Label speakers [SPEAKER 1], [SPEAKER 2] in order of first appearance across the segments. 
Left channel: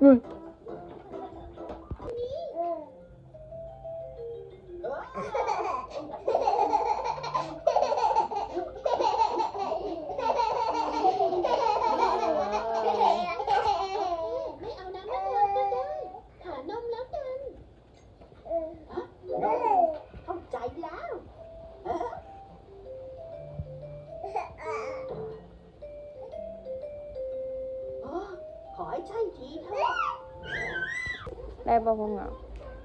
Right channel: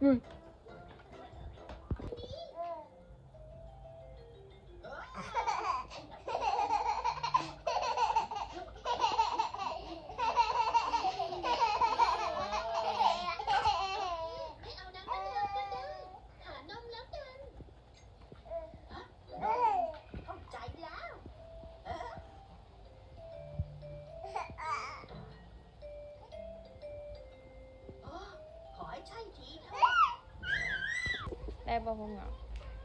[SPEAKER 1] อื
[SPEAKER 2] ได้
[SPEAKER 1] บ่พงเหงา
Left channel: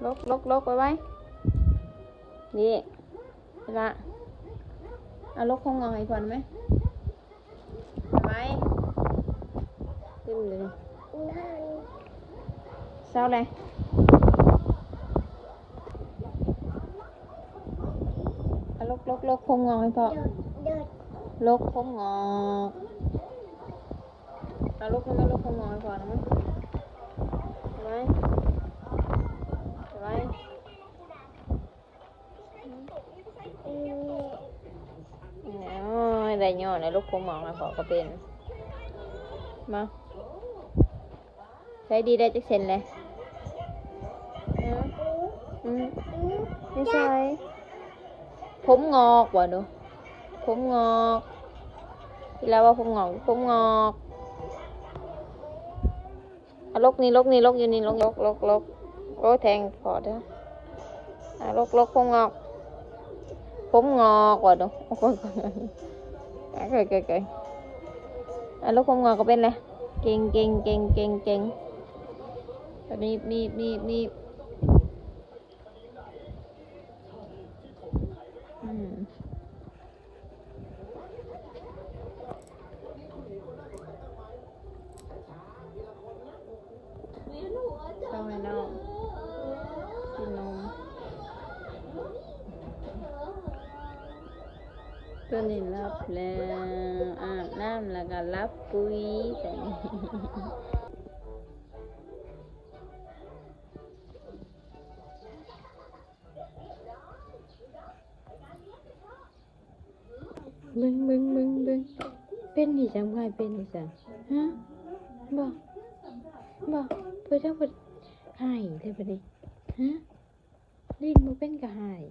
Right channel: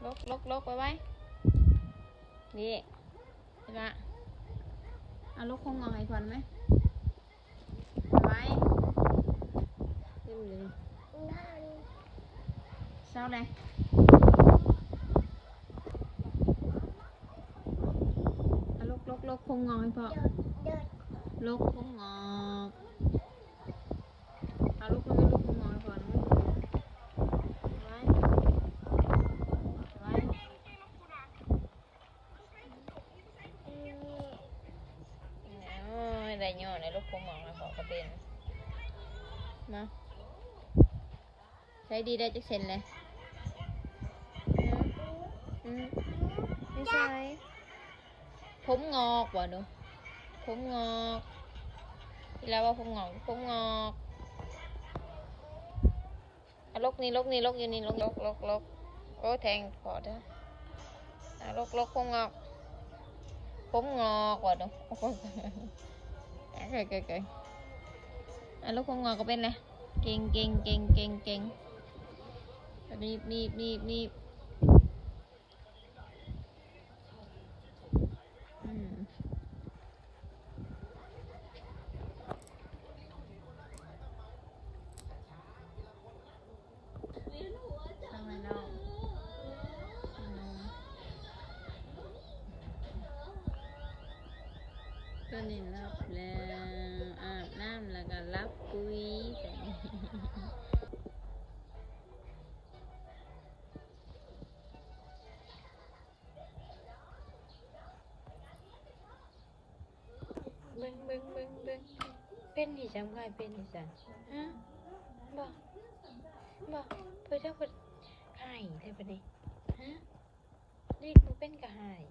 [SPEAKER 1] ลกลกลกไปไว้นี่ลาเอาลกพงเหงาให้ก่อนไหมไว้ขึ้นเลยเศร้าเลยเอาลกลกลกพงเงาให้พ่อลกพงเงาเอาลกแล้วไม่ลกพงเงาให้พ่อนะมั้ยเอาไว้ ไว้โอ้ย ได้ยอดในลูกคงมองแล้วพอก็เป็น มา ใช้ดีได้จักเซนเลยอืมไม่ใช่ผมงอกว่ะดูผมงอกที่แล้วว่าผมงอกผมงอกอลกนี่ลกนี่ลกอยู่นี่ลกลกลกลกโอ้แทงพอเด้อะลกลกผมงอก ผมงอกว่ะดู โอ้ยอะเกยเกยเกยอะลกผมงอกก็เป็นเลยเก่งเก่งเก่งเก่งเก่งนีบนีบนีบนีบอืมเข้าให้น้องกินนมตัวนี้รั บแล้วอาบน้ำแล้วก็รับปุ๋ยใส่บึ้งบึ้งบึ้งบึ้งเป็นนี่จังไงเป็นนี่จังฮะบอกบอกเพื่อถ้าเพื่อหายเลยปะดิฮะลิ้นมันเป็นกระหาย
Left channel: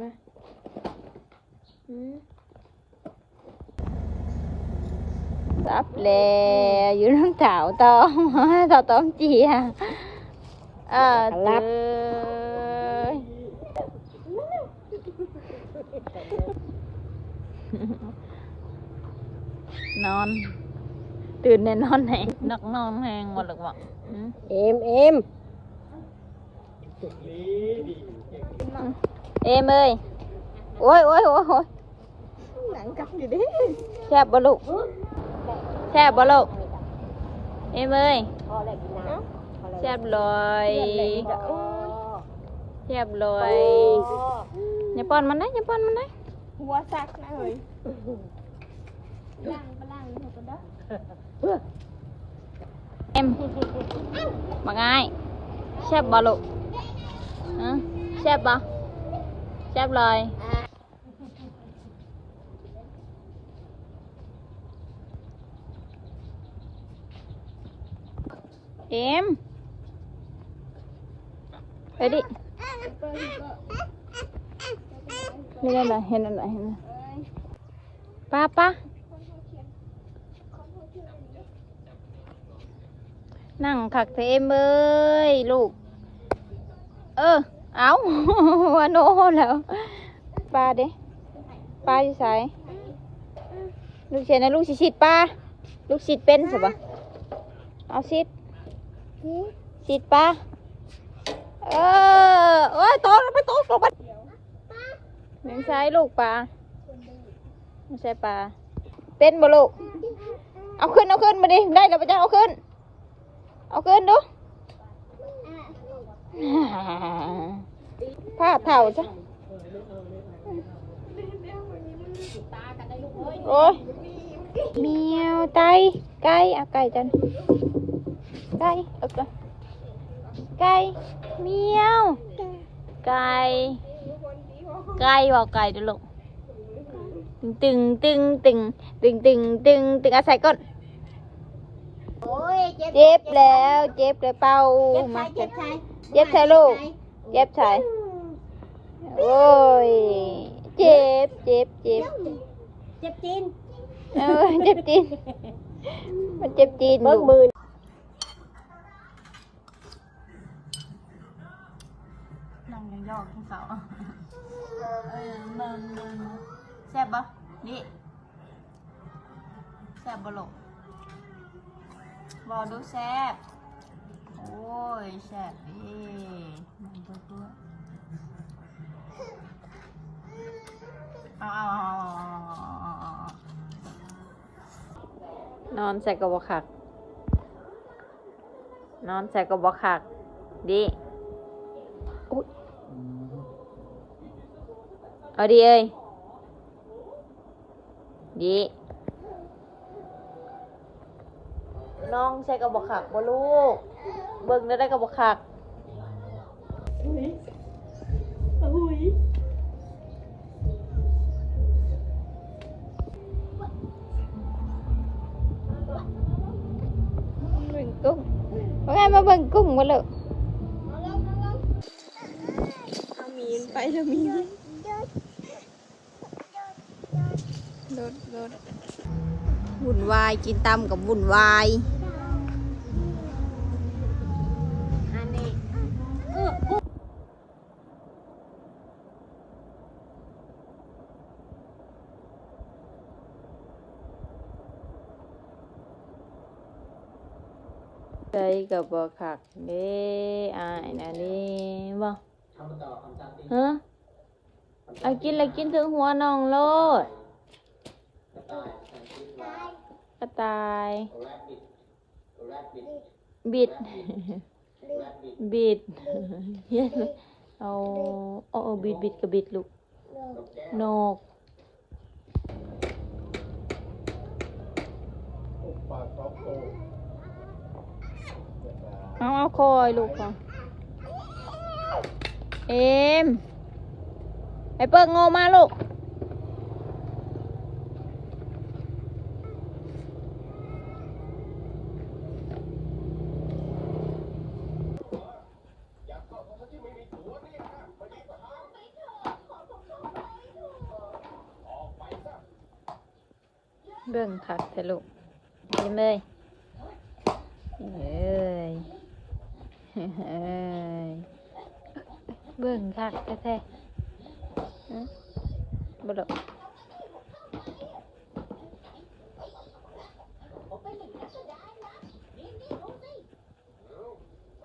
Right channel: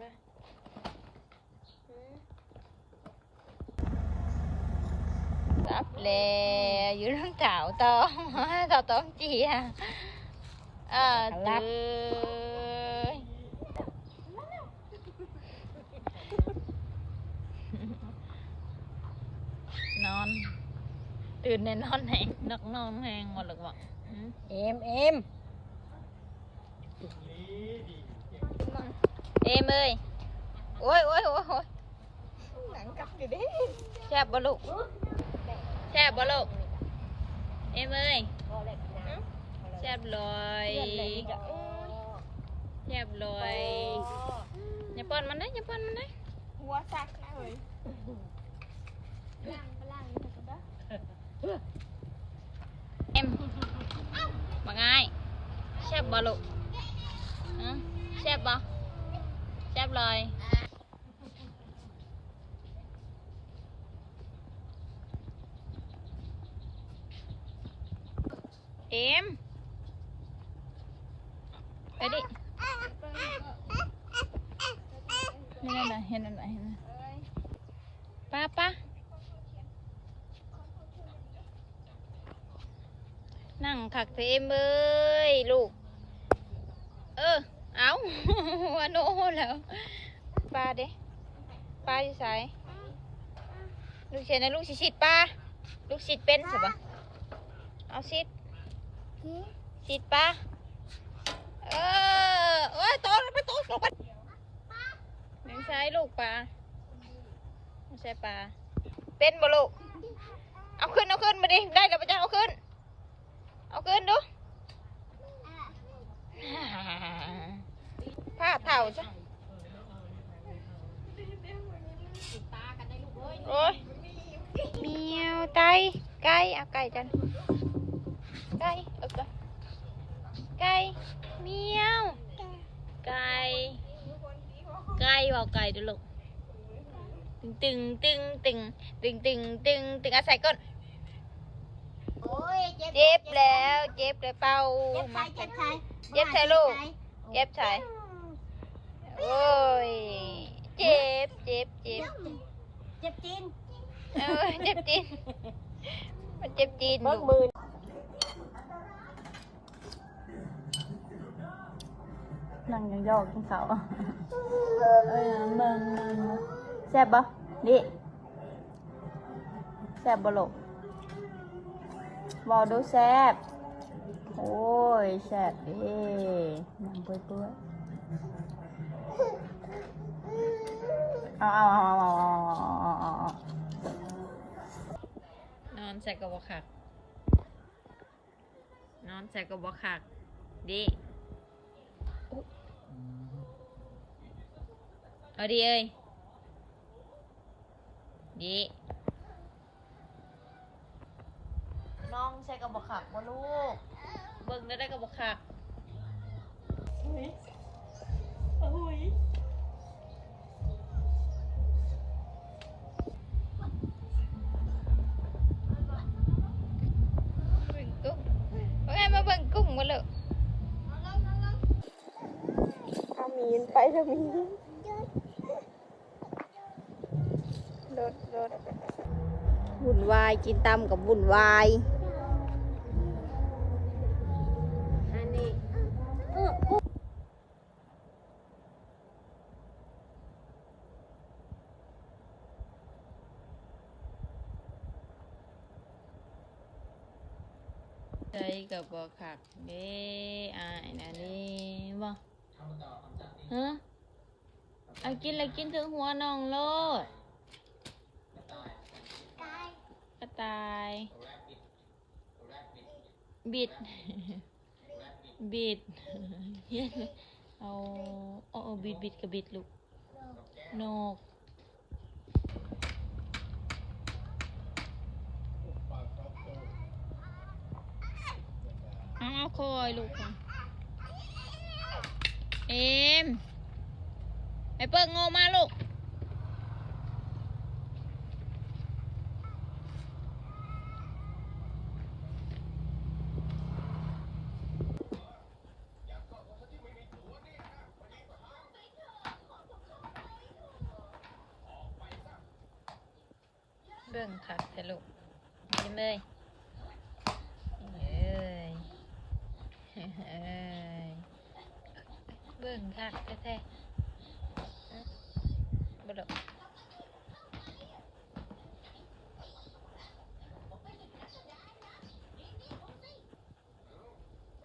[SPEAKER 1] มา อืมรับแล้วอยู่น้ำเถาตอมเถาตอมจีอะเออ
[SPEAKER 3] รับ
[SPEAKER 1] งนักนอนแหงหมดหรือเปล่าอืม
[SPEAKER 3] เอ็มเอ็ม
[SPEAKER 1] เอ็มเอ้ยโอ้ยโอ้ยโอ้ยโอ้ย
[SPEAKER 3] หนังกับอยู่ดิ
[SPEAKER 1] แซ่บบ่ลูกแซ่บบ่ลูกเอ็มเอ้ย
[SPEAKER 3] พอแล้วกินน้ำ
[SPEAKER 1] แซ่บเลยแซ่บเลยอย่าป้อนมันนะอย่าป้อนมันนะ
[SPEAKER 3] หัวซักนะเฮ้ย
[SPEAKER 1] เอ็มมาง่ายแซ่บบ่ลูกฮะแซ่บบ่แซ่บเลย เอ็มไปดิเห็นอะไรเห็นอะไรเห็นอะไรป้าป้านั่งขักเทมเอ้ยลูก เออ เอาวันโน้แล้วป้าเด้ป้าอยู่ไสายลูกเชียนะลูกชิดป้าลูกชิดเป็นใช่ปะเอาชิด ชิดป้าเออโอ้ยโตลงไปโตลงไปเลี้ยงซ้ายลูกปลาไม่ใช่ปลาเป็นบ่ลูกเอาขึ้นเอาขึ้นมาดิได้แล้วปะจ๊ะเอาขึ้น เอาขึ้นดูผ้าเท่าจ้ะโอ้ยเมียวไก่ไก่เอาไก่จัน ไก่เอาไก่ไก่เมียว ไก่ ไก่บอกไก่ดูลูกตึงตึงตึงตึงตึงตึงตึงอาศัยก่อน
[SPEAKER 3] โอ้
[SPEAKER 2] อ้ยเจ็บ
[SPEAKER 1] เจ็บแล้วเจ็บเลยเป่า
[SPEAKER 2] เจ็บ
[SPEAKER 1] มา
[SPEAKER 2] ใช่เจ็บใช่
[SPEAKER 1] เจ็บใช่ลูกเจ็บใช่โอ้ยเจ็บเจ็บเจ็บ
[SPEAKER 2] เจ็บจีน
[SPEAKER 1] เออเจ็บจีนมันเจ็บจีน
[SPEAKER 3] เบิ้
[SPEAKER 1] ลู
[SPEAKER 3] ง
[SPEAKER 1] ก
[SPEAKER 3] มือ
[SPEAKER 1] นั่งยองๆกินข้าวเออนั่งแซ่บปะนี่แซ่บบ่ลูกบอกดูแซ่บโอ้ยแซ่บเด้นั่งเปื่อยๆเอาเอาเอาเอาเอาเอาเอานอนใส่กระบอกขัก นอนใส่กระบอกขักดี เอาดีเอ้ยดีน้องใส่กระบอกขักบ่ลูก เบิ่งได้ได้กระบอกขัก กิ
[SPEAKER 3] น
[SPEAKER 1] ตำกับวุ่นวาย
[SPEAKER 2] อันนี้
[SPEAKER 1] ใส่กับบ่ขักเด้อายนะนี่บ่ฮะเอากินแล้วกินถึงหัวน้องโลดก ระต่าย บิด บิดเฮียนเอาเอาเอาบิดบิดกับบิดลูกนกเอาเอาคอยลูกก่อนเอ็มไอเปิ้งโงมาลูก เบิ่งคักแต่ลูกยิ้มเลยเอ้ยเอ้ยเบิ่งคักแท้ๆฮะบ่ดอก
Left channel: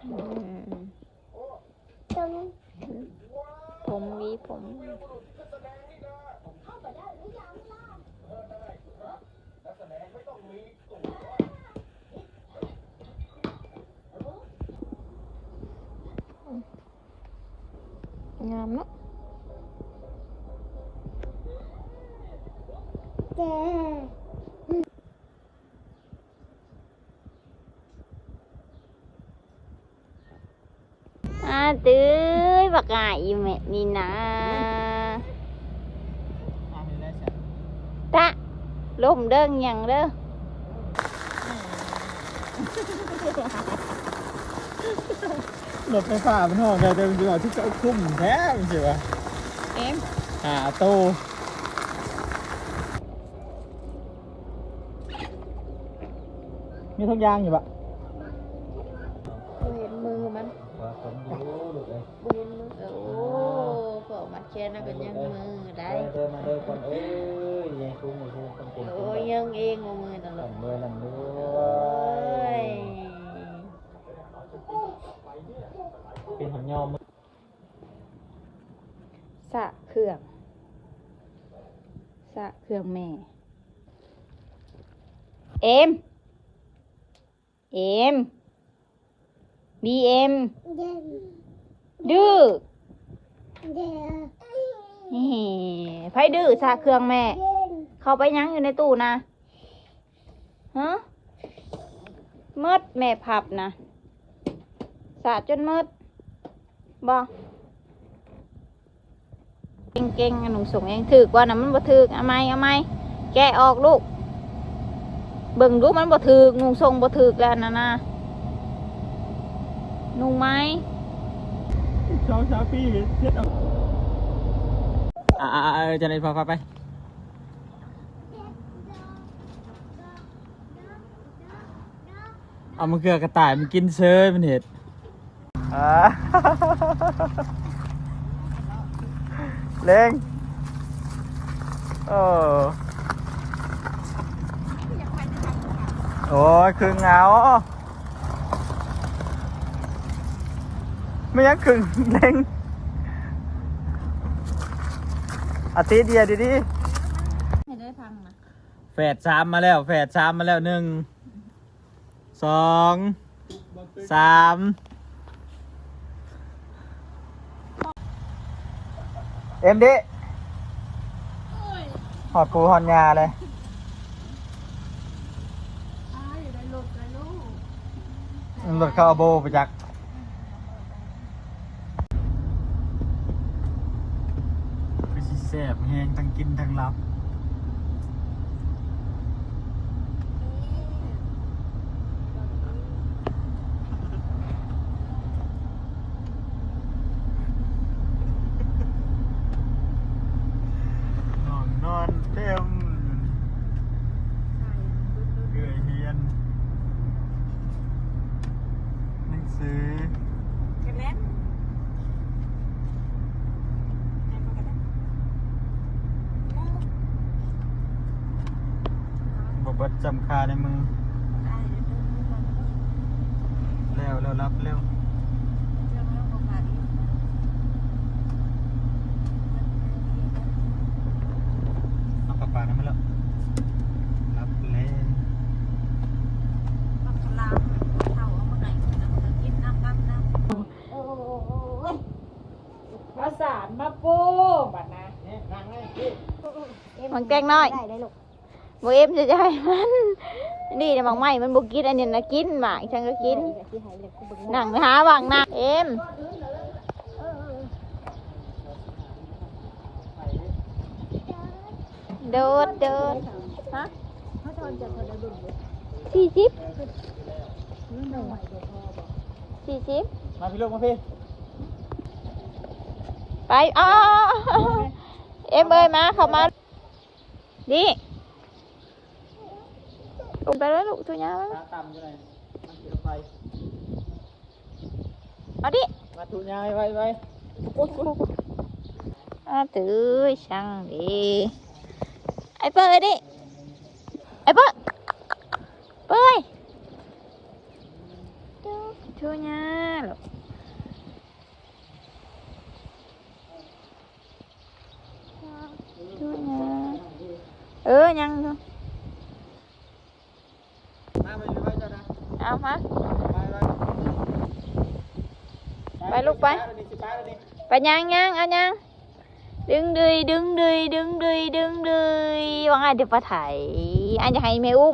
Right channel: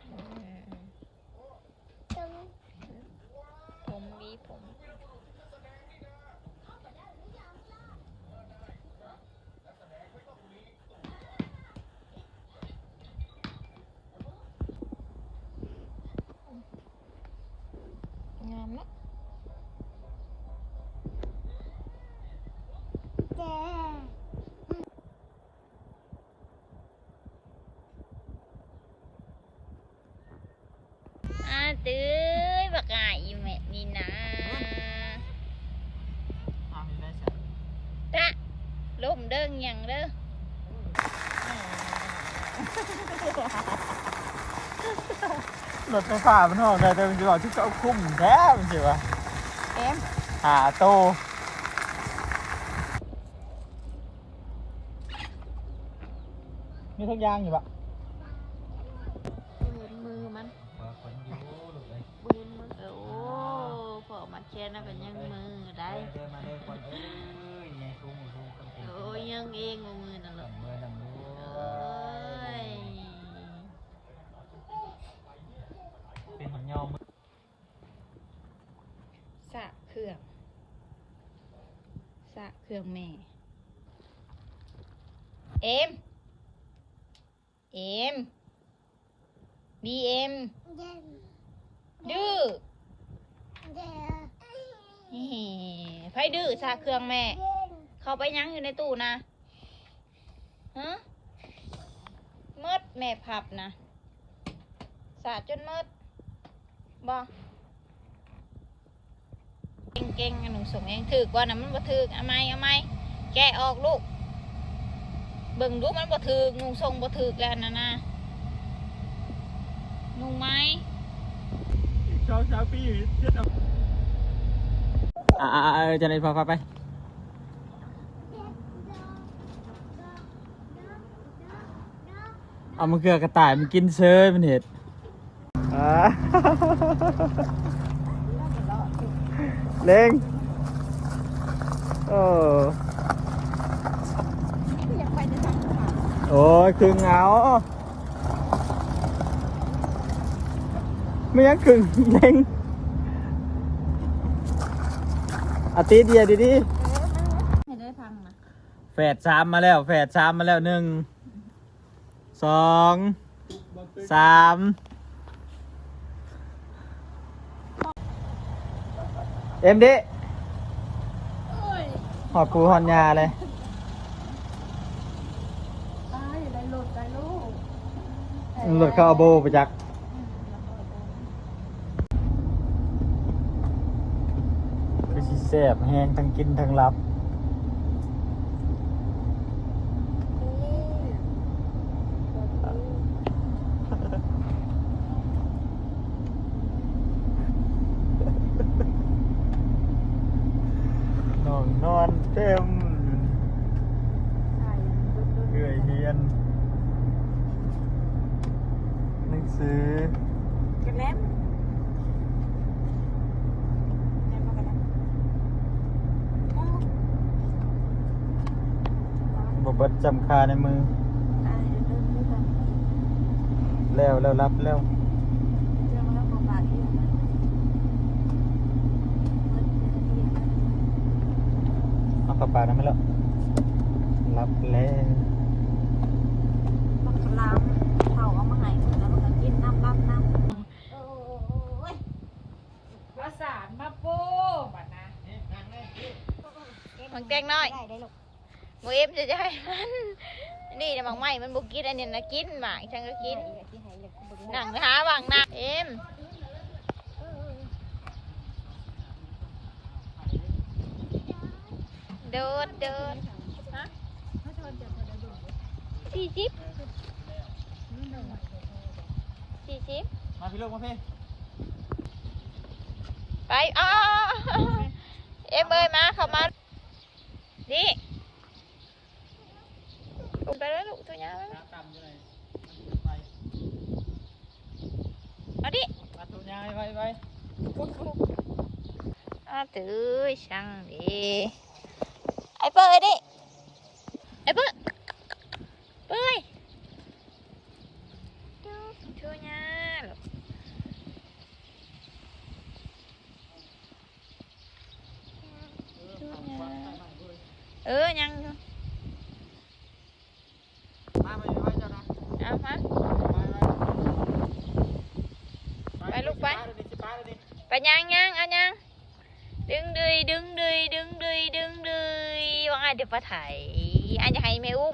[SPEAKER 1] อืมผมมีผม งามเนาะ
[SPEAKER 2] เจ็บ
[SPEAKER 1] อา ตื้อบักอายอยู่แม่นี่นะตะลมเด้งหยังเด้อ
[SPEAKER 4] รถไฟฟ้ามันห้องได้แต่มันจะบอกที่เขาคุ้มแท้จริงๆวะ
[SPEAKER 1] เอ็ม
[SPEAKER 4] หาโตมีทุกอย่างอยู่ปะ
[SPEAKER 1] บ่เห็นมือมัน
[SPEAKER 4] ผมดูลูกเลย
[SPEAKER 1] บ่เห็นมือเออโอ้พอมันแค่นั้นก็ยังมือได้
[SPEAKER 4] เดินมาเดินก่อนเอ้ยยังคุ้มอยู่คุ้มคนเก่ง
[SPEAKER 1] โอ้ยยังเองว่ามือนั่นหรอก
[SPEAKER 4] ลำเลยลำเล
[SPEAKER 1] เอ้ย
[SPEAKER 4] เป็นหำยอม
[SPEAKER 1] สะเครื่อง สะเครื่องแม่ เอ็ม เอ็ม บีเอ็ม
[SPEAKER 2] เจ็บ
[SPEAKER 1] ดื้อ
[SPEAKER 2] เจ็บ
[SPEAKER 1] นี่ไฟดื้อสะเครื่องแม่
[SPEAKER 2] เจ็บ
[SPEAKER 1] เข้าไปยังอยู่ในตู้นะฮะมืดแม่พับนะสะจนมืดบอ เก่งๆอันหนุ่มส่งเองถือกว่านะมันบ่ถือกเอาไหมเอาไหมแกะออกลูกเบิ่งดูมันบ่ถือกนุ่งทรงบ่ถือกแล้วนะนะนุ่งไหม
[SPEAKER 4] โชว์ชาปี้เทียดเอาอ่าเออจะไหนพอพาไปเอามันเกลือกระต่ายมันกินเชยมันเห็ดอ่า เล็งโอ้โอ้ยคือเหงาไม่ยังขึงเล็งอาทิตย์เดียวดีดี
[SPEAKER 1] ให้ได้พังนะ
[SPEAKER 4] แฝดสามมาแล้วแฝดสามมาแล้วหนึ่งสองสาม เอ็มดิหอดปูหอดยาเลย
[SPEAKER 3] รหลุด
[SPEAKER 4] เข้าโบไปจักคือสิแสบแหงทั้งกินทั้งรับนอนนอนเต็มเหนื่อยเฮียนหนังสือ
[SPEAKER 3] กันแล้วแม่มากันแล้ว
[SPEAKER 4] บอกว่าจำคาในมือ
[SPEAKER 3] ตายเดินไม่ได้
[SPEAKER 4] แล้วแล้วรับแล้ว
[SPEAKER 3] เรื่องแล้วมาที่
[SPEAKER 4] มาปะปานั่นไม่แล้วรับแล้ว
[SPEAKER 3] มันกำลังเขาเอามาให้แล้วมันกินน้ำน้ำน้ำ
[SPEAKER 2] ประสานมาโป้บัดนะ
[SPEAKER 1] มันแกล้งน้อย
[SPEAKER 3] ได้เลยลูก
[SPEAKER 1] บ่เอ็มจะจะให้มันนี่นะบางไม้มันบ่กินอันนี้นะกินหมากฉันก็กิน
[SPEAKER 3] ที่ให้เลยกูบึง
[SPEAKER 1] นั่งหาบางนั่งเอ็มโดดโดดฮะสี่สิบสี่สิบ
[SPEAKER 4] มาพี่ลูกมาพี่
[SPEAKER 1] ไปอ้าวเอ็มเอ้ยมาเข้ามาดิล งไปแล้วลูกทุญามา
[SPEAKER 4] ตาต่ำจะไหนมันจะไป
[SPEAKER 1] เอาดิ
[SPEAKER 4] มาทุนยายไปไป
[SPEAKER 1] อาตื้อช่างดีไอ้เปิ้ลดิไอ้เปิ้ลเปิ้ลทุญาลูกทุญาเออยังอยู่
[SPEAKER 4] มาไปไปจ้ะนะ
[SPEAKER 1] เอามา
[SPEAKER 4] ไป
[SPEAKER 1] ไปลูกไป
[SPEAKER 4] ไปเลย ดิ
[SPEAKER 1] ไปยังยังเอายังดึงดืยดึงดืยดึงดืยดึงดืยว่าไงเดี๋ยวปลาไถอันจะให้แ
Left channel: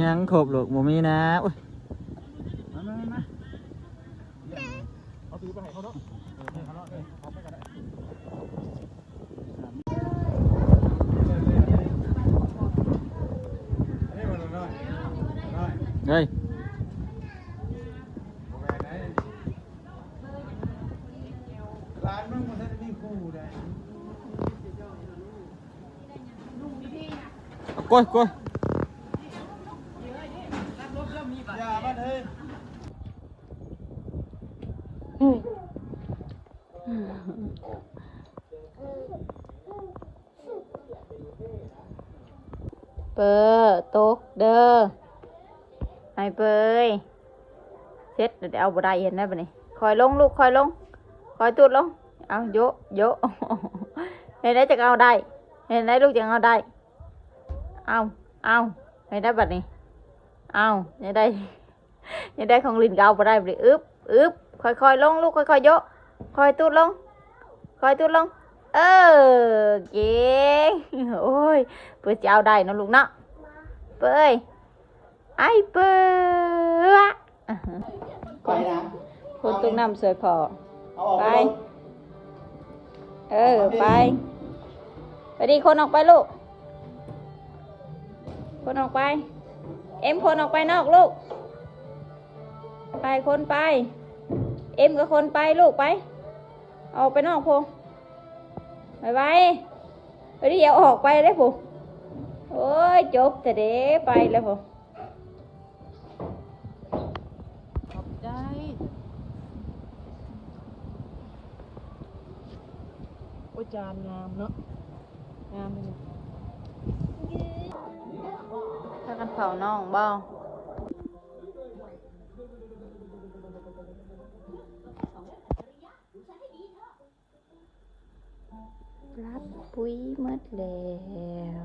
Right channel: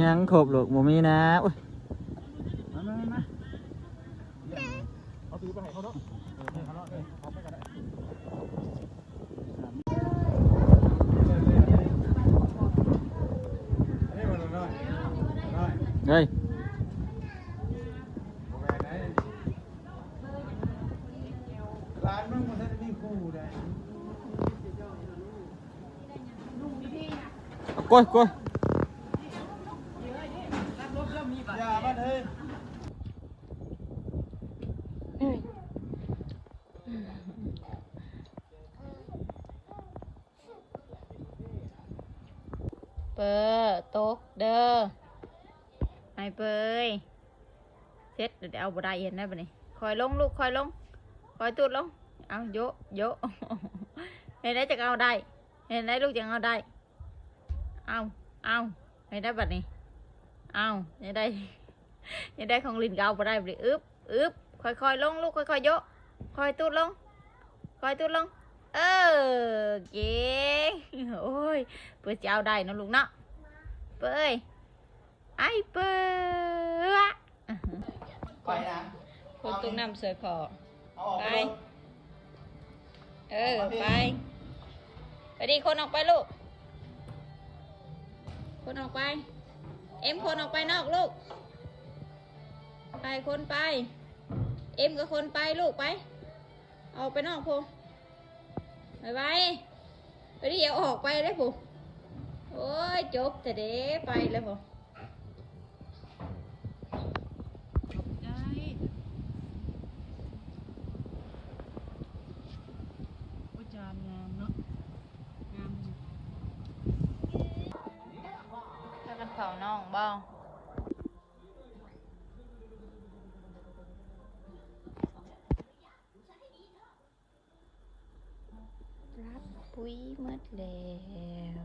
[SPEAKER 1] ยั
[SPEAKER 4] งครบหรอกบ่มีนะอุ้ยมามามาเอาถือไปให้เขาเนาะเออให้เขาเนาะเออเอาไปก็ได้เฮ้ย
[SPEAKER 5] ร้านมึงมันจะมีคู่ได้
[SPEAKER 4] เอากล้วยกล้วย
[SPEAKER 5] อย่ามาเฮ้ย
[SPEAKER 1] เปิดตกเด้อไอ้เปย เซ็ตเดี๋ยวเอาบ่ไดเห็นได้ปะนี่คอยลงลูกคอยลงคอยตูดลง เอาโยะโยะเห็นได้จะเอาได้ เห็นได้ลูกจะเอาได้ เอาเอาเห็นได้บัดนี้เอาเห็นได้เห็นได้ของลินเกาบ่ได้บ่ได้อึบอึบค่อยๆลงลูกค่อยๆโยะคอยตูดลงคอยตูดลง เออเก่งโอ้ยเพื่อจะเอาได้นะลูกเนาะเปยไอ้เปย
[SPEAKER 5] ไปนะ
[SPEAKER 1] คนตุ้งน้ำสวยพอ
[SPEAKER 5] เอาออก
[SPEAKER 1] ไป
[SPEAKER 5] ไป
[SPEAKER 1] เออ ไป ไปดีคนออกไปลูก คนออกไป เอ็มคนออกไปนอกลูก ไปคนไป เอ็มกับคนไปลูกไป ออกไปนอกพงไปไปไปดิเอาออกไปเลยพงโอ้ยจบแต่เด้ไปแล้วพง
[SPEAKER 3] ขอบใจโอ้ย จานงามเนาะงามเลย
[SPEAKER 1] ถ้ากันเผาน่องบ้ารับปุ๋ยหมดแล้ว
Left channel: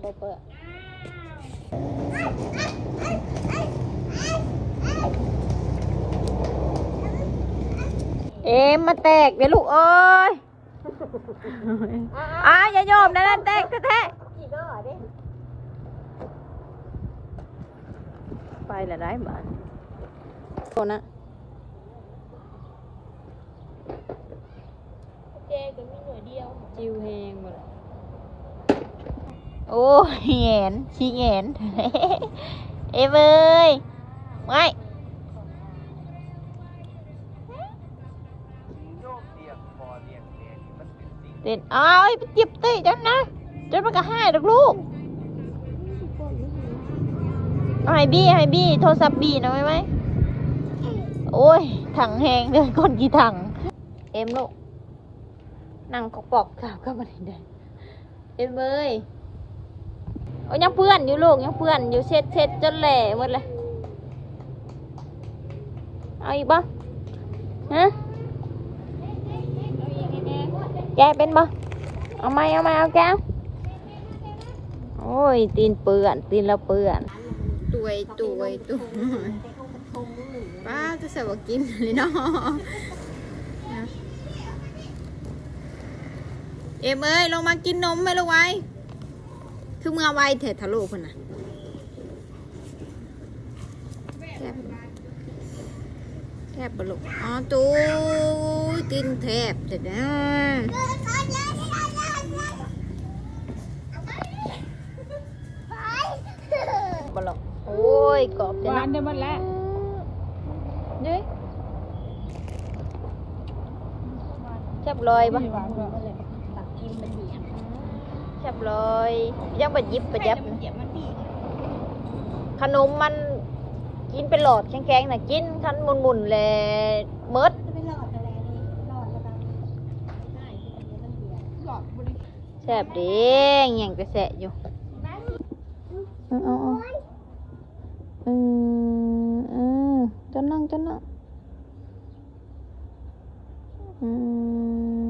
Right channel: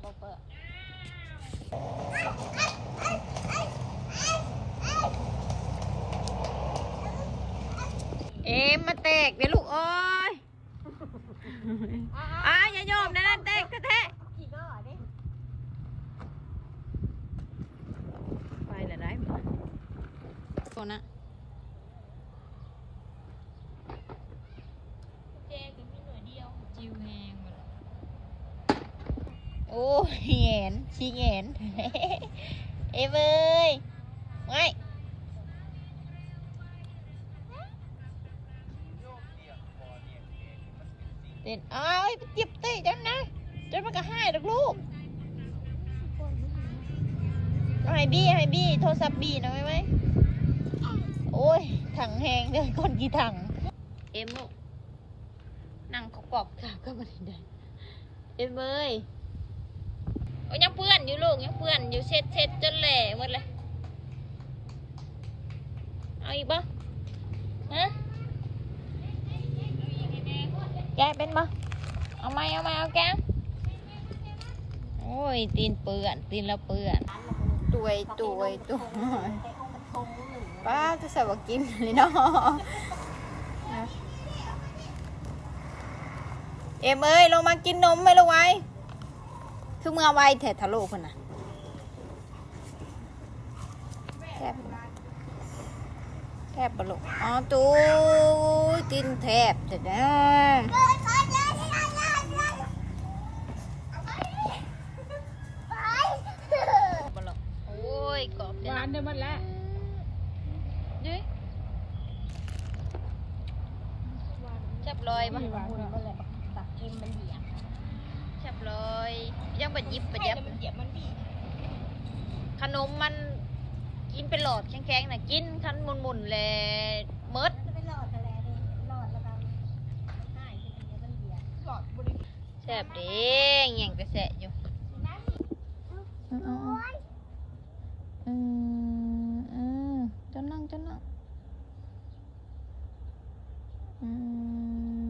[SPEAKER 5] เปิ
[SPEAKER 1] ดเอ็มมาแตกเดี๋ยวลูกเอ้ยอ่าอย่ายอมนะนั่นแตกแท้ๆไปละได้บ้านโคนนะจิวแหงหมดเลย โอ้ยแหงนชี้แหงนเอ้ยเว้ยไม่เต้นอ้าวไอ้เจ็บตีจังนะจนมันก็หายดอกลูกเอบี้ให้บี้โทรศัพท์บี้นะไหมไหมโอ้ย ถังแหงเดินคนกี่ถัง เอ็มลูกนั่งกอกปอกถามก็มาได้ได้เอ็มเอ้ย โอ้ยยังเพื่อนอยู่ลูกยังเพื่อนอยู่เช็ดเช็ดจนแหล่หมดเลยเอาอีกบ่ฮะแกเป็นบ่เอาไหมเอาไหมเอาแก้วโอ้ยตีนเปื่อนตีนเราเปื่อนตวยตวยตวยป้าจะใส่ว่ากินเลยเนาะเอ็มเอ้ยลงมากินนมไหมลูกไว้ คือเมื่อไวแถทะลุคนน่ะแทบแทบบลุกอ๋อตูกินแทบจะได้บลุกโอ้ยกรอบจะ
[SPEAKER 3] วา
[SPEAKER 1] นะ
[SPEAKER 3] นเดี๋ยวมันแล้ว
[SPEAKER 1] นี่จับลอยปะ
[SPEAKER 3] วาน เดี๋ยวมันแหละ
[SPEAKER 1] เรียบร้อยยังไปยิบไปยับ ขนมมันกินเป็นหลอดแข็งๆนะกินคันหมุนๆเลยเมิดแสบเดีแง่างไปแสะอยู่เอาเออเออเออจนนั่งจนนั่งอืม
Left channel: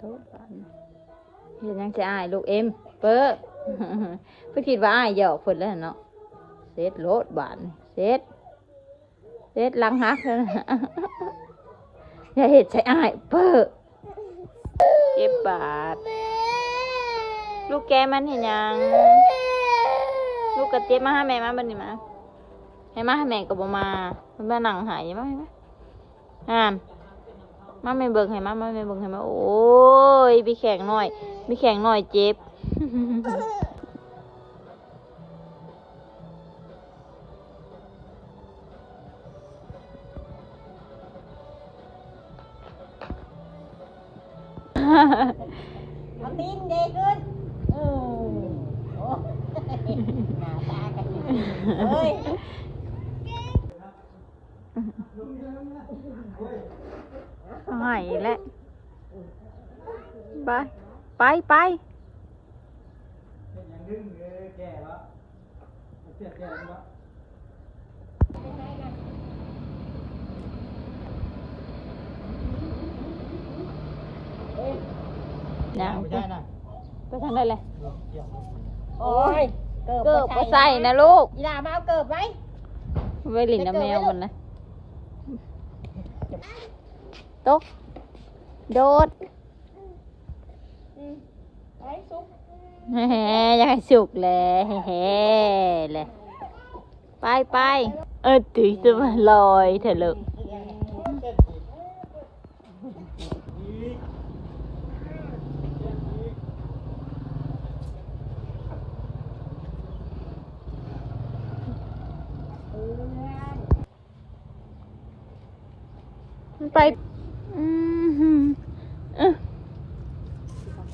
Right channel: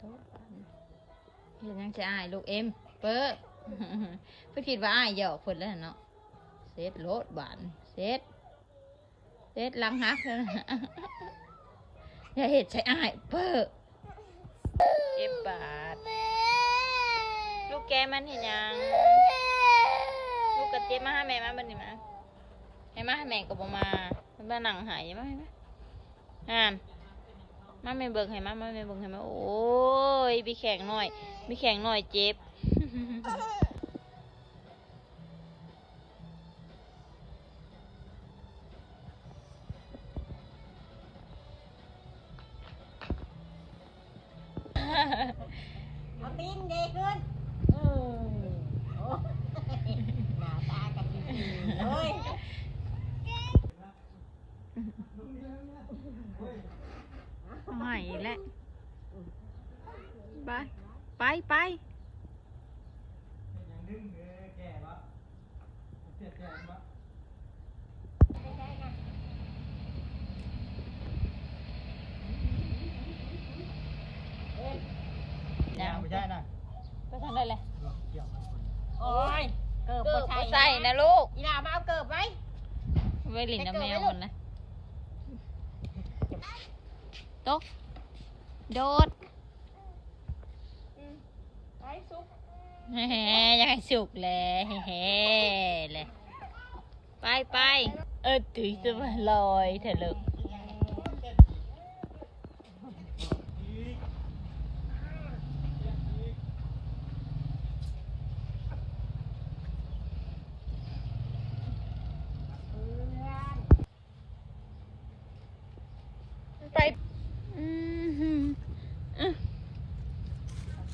[SPEAKER 1] ตุ๊บเห็นยังจะอายลูกเอ็ม เปิ้ลเพื่อคิดว่าอายหยอกเพิ่นแล้วเนาะเซ็ตโลดบานเซ็ตเซ็ตลังหักแล้วนะอย่าเห็ดใส่อายเปิ้ลเจ็บบาด ลูกแกมันเห็นยัง ลูกกระเจี๊ยบมาหาแม่มาบันนี้มาให้มาให้แม่ก็บ่มามันมานั่งหายมาให้มอ่าน มาไม่เบิ่งให้มามาไม่เบิ่งให้มาโอ้ยมีแข่งหน่อยมีแข่งหน่อยเจ็บ
[SPEAKER 3] เอาตีนเด็กขึ้นโอ้ยหน้าตากันเฮ้ย
[SPEAKER 1] หายแล้วไปไปไป
[SPEAKER 4] อย่างนึงเออแก่แล้วเจ็บแก่แล้ว
[SPEAKER 1] ยัง
[SPEAKER 4] ไม่ได้นะ
[SPEAKER 1] ไปทางได้เลย
[SPEAKER 3] โอ้ยเกิบ
[SPEAKER 1] เกิบ
[SPEAKER 3] บ่
[SPEAKER 1] ก็ใส่นะลูก
[SPEAKER 3] อีหลามาเอาเกิบไว้
[SPEAKER 1] ไว้หลินน้ำแมวมันนะ ตกโดด
[SPEAKER 3] ไอ้ซุก
[SPEAKER 1] แฮ่ๆอยากให้สุกเลยแฮ่ๆเลยไปไปเออถือจะมาลอยเถอะลูกมันไป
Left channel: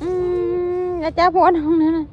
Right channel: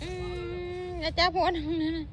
[SPEAKER 1] อืม อืมอืมแล้วจ้าพวน้องนั่นน่ะ